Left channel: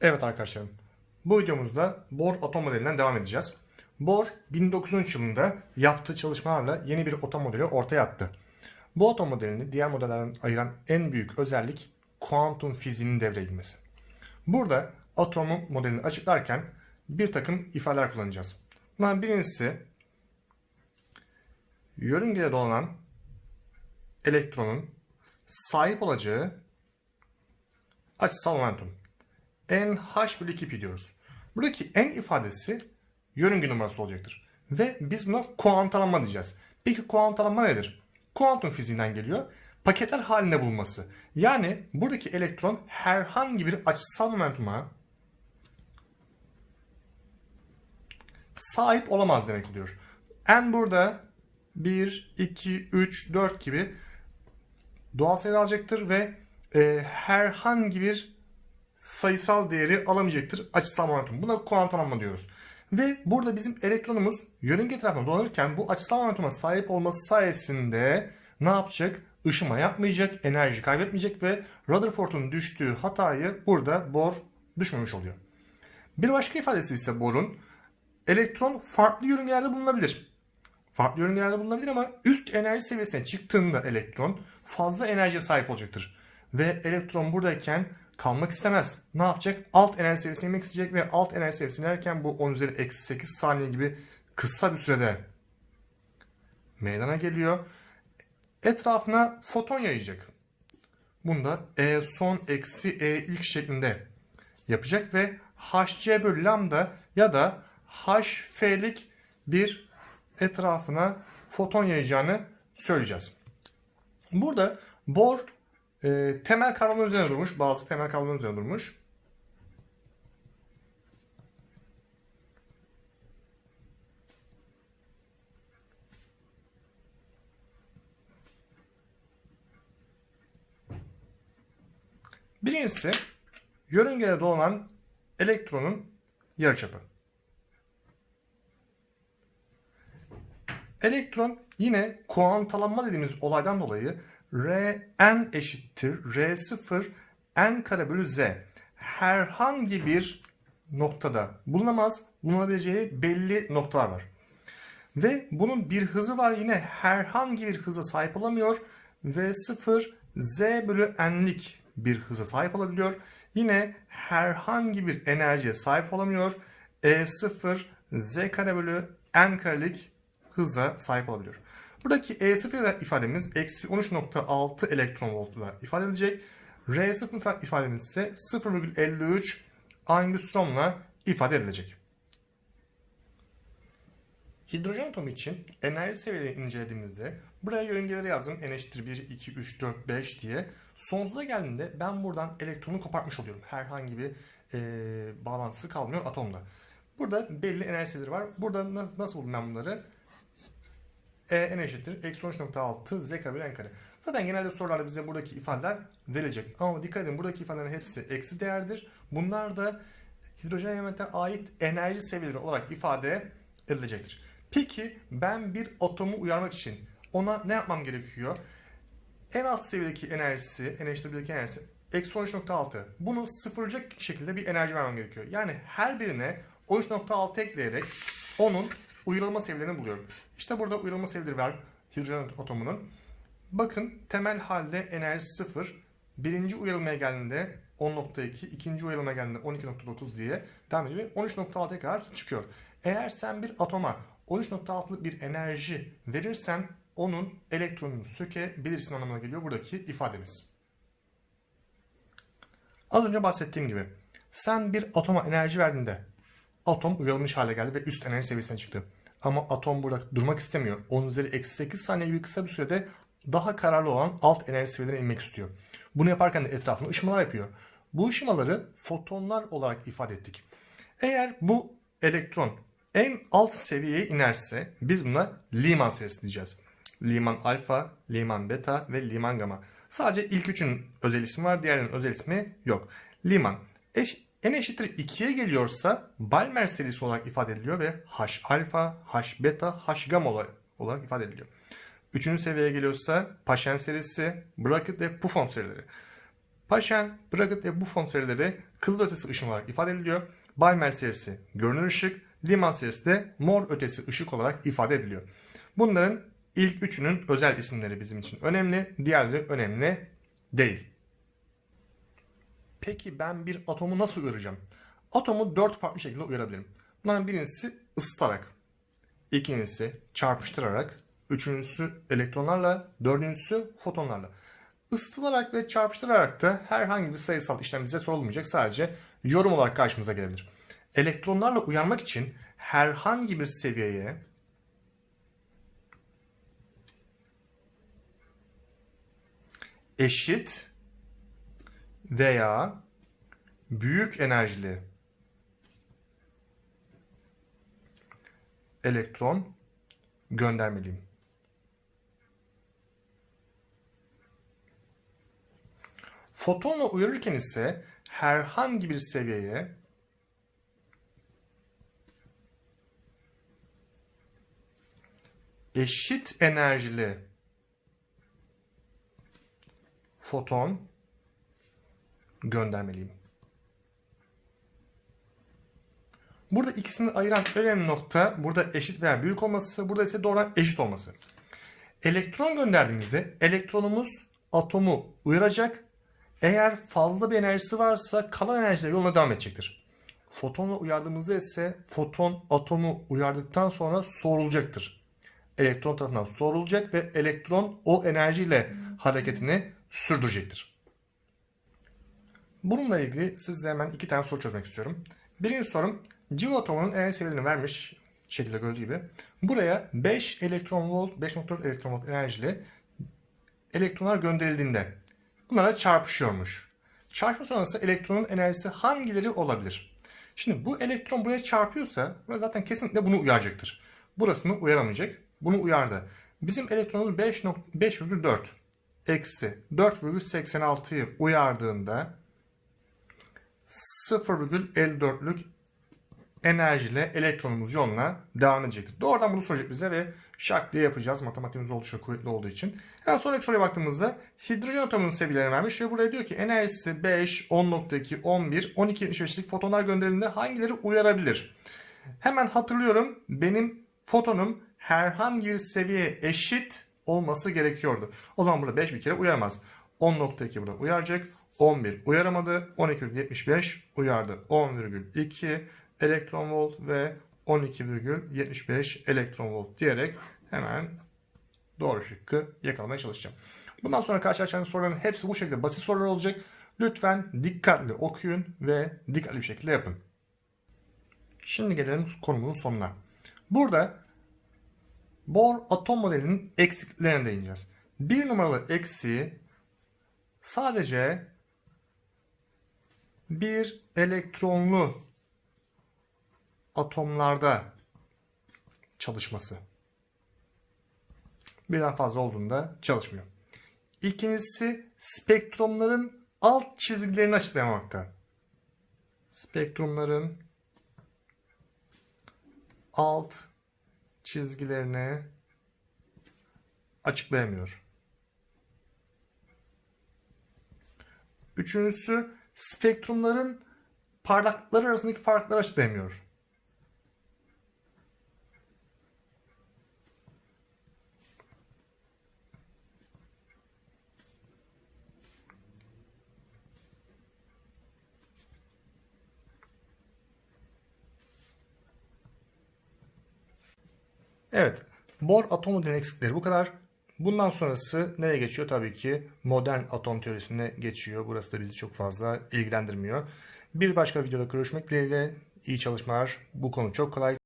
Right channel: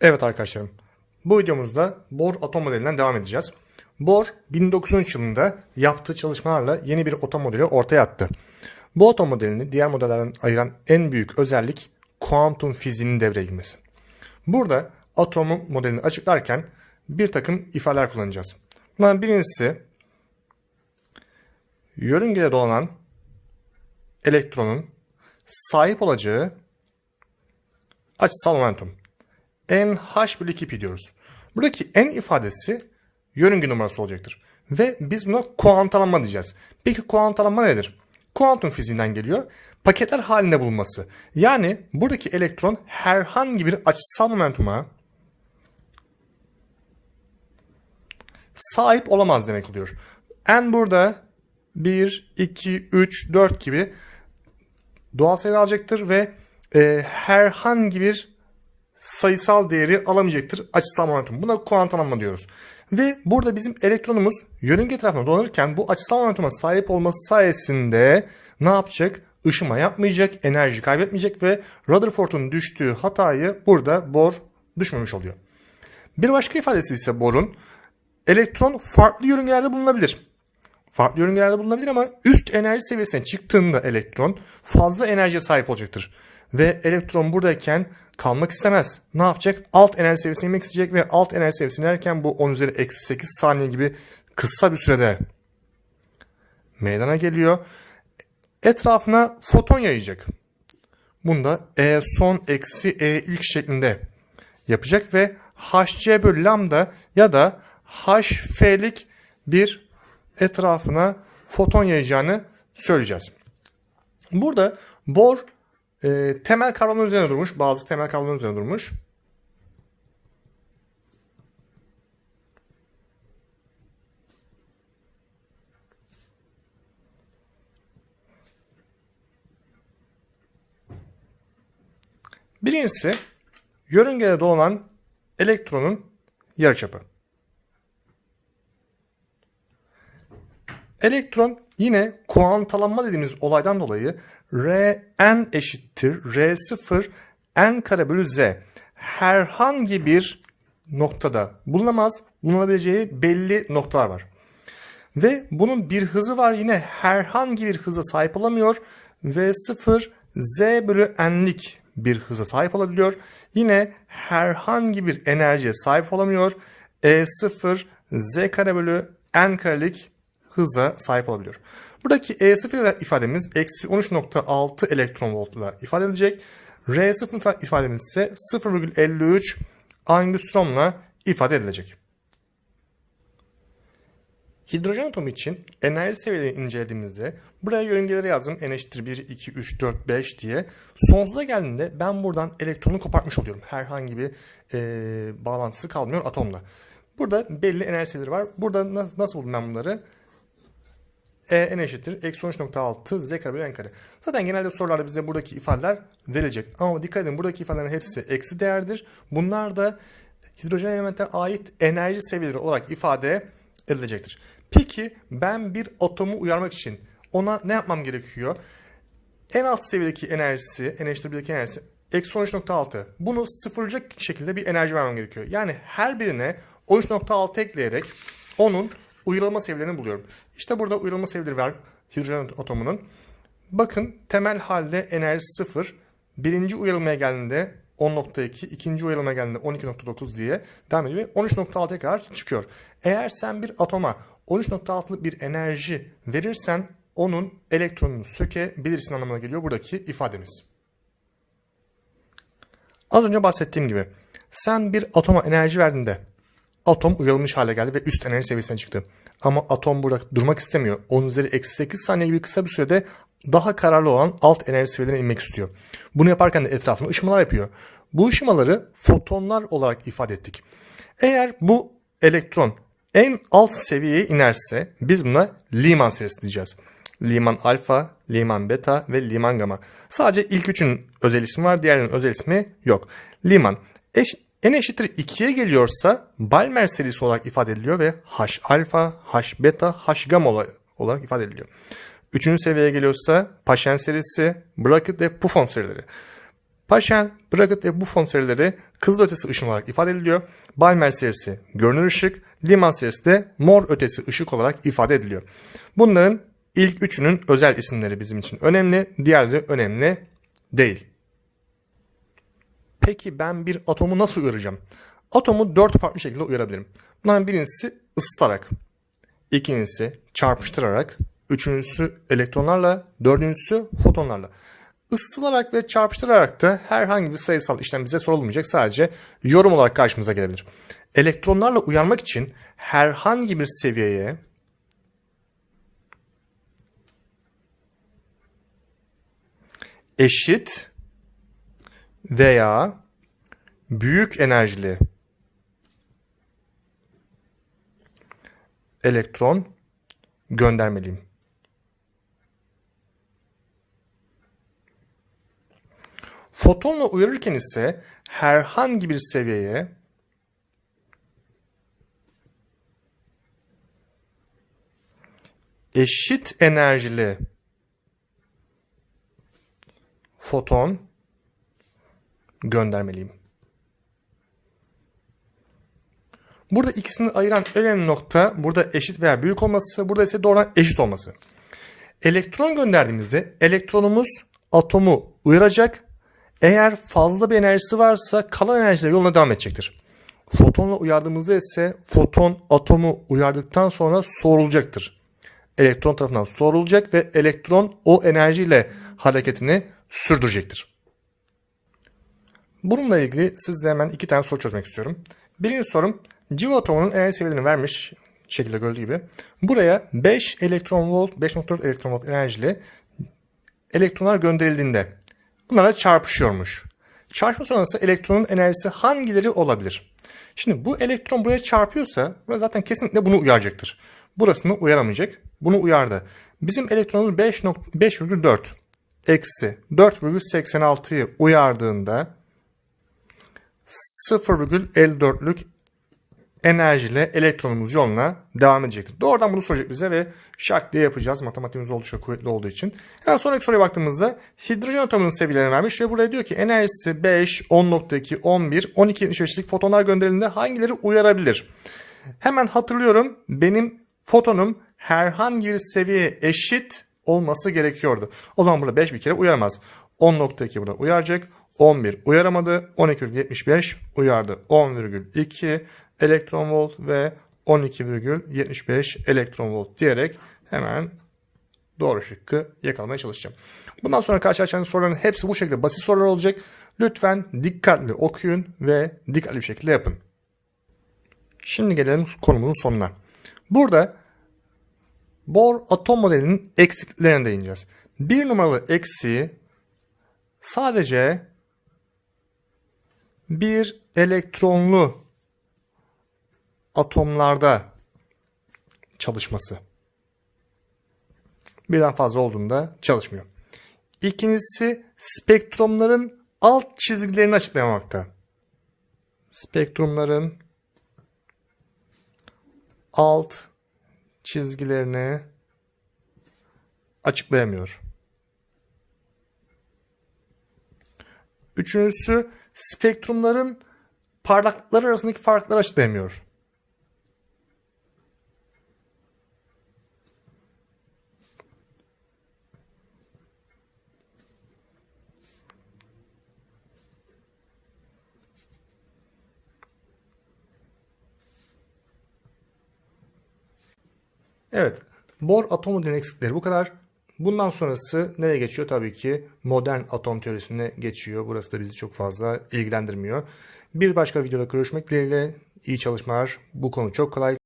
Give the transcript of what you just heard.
Evet arkadaşlarım. Bu videomuzda Bohr atom modelinden devam edeceğiz. Bohr 1913 yılında yaptığı çalışmalarla yeni bir atom modeli ortaya attı. Bu atom modelini diğer modellerden ayıran en büyük özellik kuantum fiziğinin devreye girmesi. Burada atomun modelini açıklarken bir takım ifadeler kullanacağız. Bunların birincisi yörüngede dolanan elektronun sahip olacağı açısal momentum. NH bölü 2 pi diyoruz. Buradaki N ifadesi yörünge numarası olacaktır. Ve biz buna kuantalanma diyeceğiz. Peki kuantalanma nedir? Kuantum fiziğinden geliyor. Paketler halinde bulunması. Yani buradaki elektron herhangi bir açısal momentuma sahip olamaz demek oluyor. N burada 1, 2, 3, 4 gibi doğal sayı alacaktır ve e, herhangi bir sayısal değeri alamayacaktır açısal momentum. Buna kuantalanma diyoruz. Ve burada bizim elektronumuz yörünge etrafında dolanırken bu açısal momentuma sahip olması sayesinde ne yapacak? Işıma yapmayacak, enerji kaybetmeyecek ve Rutherford'un düştüğü hatayı burada Bohr düşmemiş oluyor. Bir başka ifadesi ise Bohr'un elektron farklı yörüngelerde bulunabilir. Farklı yörüngelerde bulunabilir ama üst enerji seviyesine çıktığında elektron fazla enerjiye sahip olacaktır. Ve elektron buradayken kalmak istemez. Ne yapacak? Alt enerji seviyesine inmek isteyecek ve alt enerji seviyesine inerken bu 10 üzeri eksi 8 saniye gibi kısa bir sürede meydana geliyor. Etrafına foton yayacak. Bunda E son eksi E ilk şeklinde yapacak ve hc bölü lambda ya da hf'lik bir etrafına foton yayacağını söyleyeceğiz. Burada Bohr e, temel kavramlar üzerine durmuş. Bazı temel kavramlar üzerine durmuş. Birincisi yörüngede dolanan elektronun yarıçapı. Elektron yine kuantalanma dediğimiz olaydan dolayı Rn eşittir R0 n kare bölü z. Herhangi bir noktada bulunamaz. Bulunabileceği belli noktalar var. Ve bunun bir hızı var yine herhangi bir hıza sahip olamıyor. V0 z bölü n'lik bir hıza sahip olabiliyor. Yine herhangi bir enerjiye sahip olamıyor. E0 z kare bölü n karelik hıza sahip olabiliyor. Buradaki E0 ifademiz eksi 13.6 elektron voltla ifade edilecek. R0 ifademiz ise 0,53 angstromla ifade edilecek. Hidrojen atomu için enerji seviyelerini incelediğimizde buraya yörüngeleri yazdım. N eşittir 1, 2, 3, 4, 5 diye. Sonsuza geldiğinde ben buradan elektronu kopartmış oluyorum. Herhangi bir e, bağlantısı kalmıyor atomla. Burada belli enerji seviyeleri var. Burada nasıl buldum ben bunları? E n eşittir. Eksi 13.6 z kare bölü n kare. Zaten genelde sorularda bize buradaki ifadeler verilecek. Ama dikkat edin buradaki ifadelerin hepsi eksi değerdir. Bunlar da hidrojen elemente ait enerji seviyeleri olarak ifade edilecektir. Peki ben bir atomu uyarmak için ona ne yapmam gerekiyor? En alt seviyedeki enerjisi, n eşittir 1'deki enerjisi eksi 13.6. Bunu sıfırlayacak şekilde bir enerji vermem gerekiyor. Yani her birine 13.6 ekleyerek onun uyarılma seviyelerini buluyorum. İşte burada uyarılma seviyeleri var hidrojen atomunun. Bakın temel halde enerji 0. Birinci uyarılmaya geldiğinde 10.2, ikinci uyarılmaya geldiğinde 12.9 diye devam ediyor ve 13.6'ya kadar çıkıyor. Eğer sen bir atoma 13.6'lık bir enerji verirsen onun elektronunu sökebilirsin anlamına geliyor buradaki ifademiz. Az önce bahsettiğim gibi sen bir atoma enerji verdiğinde atom uyarılmış hale geldi ve üst enerji seviyesine çıktı. Ama atom burada durmak istemiyor. 10 üzeri eksi 8 saniye gibi kısa bir sürede daha kararlı olan alt enerji seviyelerine inmek istiyor. Bunu yaparken de etrafına ışımalar yapıyor. Bu ışımaları fotonlar olarak ifade ettik. Eğer bu elektron en alt seviyeye inerse biz buna Lyman serisi diyeceğiz. Lyman alfa, Lyman beta ve Lyman gamma. Sadece ilk üçün özel ismi var, diğerlerinin özel ismi yok. Lyman eş, n eşittir 2'ye geliyorsa Balmer serisi olarak ifade ediliyor ve H alfa, H beta, H gamma olarak ifade ediliyor. Üçüncü seviyeye geliyorsa Paschen serisi, Brackett ve Buffon serileri. Paschen, Braget ve Buffon serileri kızılötesi ışın olarak ifade ediliyor. Balmer serisi görünür ışık, Liman serisi de mor ötesi ışık olarak ifade ediliyor. Bunların ilk üçünün özel isimleri bizim için önemli, diğerleri önemli değil. Peki ben bir atomu nasıl uyaracağım? Atomu dört farklı şekilde uyarabilirim. Bunların birincisi ısıtarak, ikincisi çarpıştırarak, üçüncüsü elektronlarla, dördüncüsü fotonlarla. Isıtılarak ve çarpıştırarak da herhangi bir sayısal işlem bize sorulmayacak. Sadece yorum olarak karşımıza gelebilir. Elektronlarla uyarmak için herhangi bir seviyeye eşit veya büyük enerjili elektron göndermeliyim. Fotonla uyarırken ise herhangi bir seviyeye eşit enerjili foton göndermeliyim. Burada ikisini ayıran önemli nokta burada eşit veya büyük olması, burada ise doğrudan eşit olması. Elektron gönderdiğimizde elektronumuz atomu uyaracak. Eğer fazla bir enerjisi varsa kalan enerjiler yoluna devam edecektir. Fotonla uyardığımızda ise foton atomu uyardıktan sonra soğurulacaktır. Elektron tarafından soğurulacak ve elektron o enerjiyle hareketini sürdürecektir. Bununla ilgili sizle hemen iki tane soru çözmek istiyorum. Birinci sorum civa atomunun enerji seviyelerini vermiş şekilde gördüğü gibi. Buraya 5 elektron volt, 5.4 elektron volt enerjili elektronlar gönderildiğinde bunlara çarpışıyormuş. Çarpma sonrası elektronun enerjisi hangileri olabilir? Şimdi bu elektron buraya çarpıyorsa burası zaten kesinlikle bunu uyaracaktır. Burasını uyaramayacak. Bunu uyardı. Bizim elektronumuz 5.5,4 eksi 4,86'yı uyardığında 0,54'lük enerjiyle elektronumuz yoluna devam edecektir. Doğrudan bunu soracak bize ve şak diye yapacağız. Matematiğimiz oldukça kuvvetli olduğu için. Hemen sonraki soruya baktığımızda hidrojen atomunun seviyelerini vermiş ve buraya diyor ki enerjisi 5, 10.2, 11, 12, 75'lik fotonlar gönderildiğinde hangileri uyarabilir? Hemen hatırlıyorum benim fotonum herhangi bir seviyeye eşit olması gerekiyordu. O zaman burada 5 bir kere uyaramaz. 10.2 burada uyaracak. 11 uyaramadı. 12,75 uyardı. 10,2 elektron volt ve 12,75 elektron volt diyerek hemen doğru şıkkı yakalamaya çalışacağım. Bundan sonra karşılaşacağınız soruların hepsi bu şekilde basit sorular olacak. Lütfen dikkatli okuyun ve dikkatli bir şekilde yapın. Şimdi gelelim konumuzun sonuna. Burada Bohr atom modelinin eksikliklerine değineceğiz. Bir numaralı eksiği sadece bir elektronlu atomlarda çalışması. Birden fazla olduğunda çalışmıyor. İkincisi spektrumların alt çizgilerini açıklamakta. Spektrumların alt çizgilerini açıklayamıyor. Üçüncüsü spektrumların parlaklıkları arasındaki farkları açıklayamıyor. Evet. Bohr atom modelinin eksikleri bu kadar. Bundan sonrası nereye geçiyor? Tabii ki modern atom teorisine geçiyor. Burası da bizi çok fazla ilgilendirmiyor. Bir başka videoda görüşmek dileğiyle iyi çalışmalar. Bu konu çok kolay.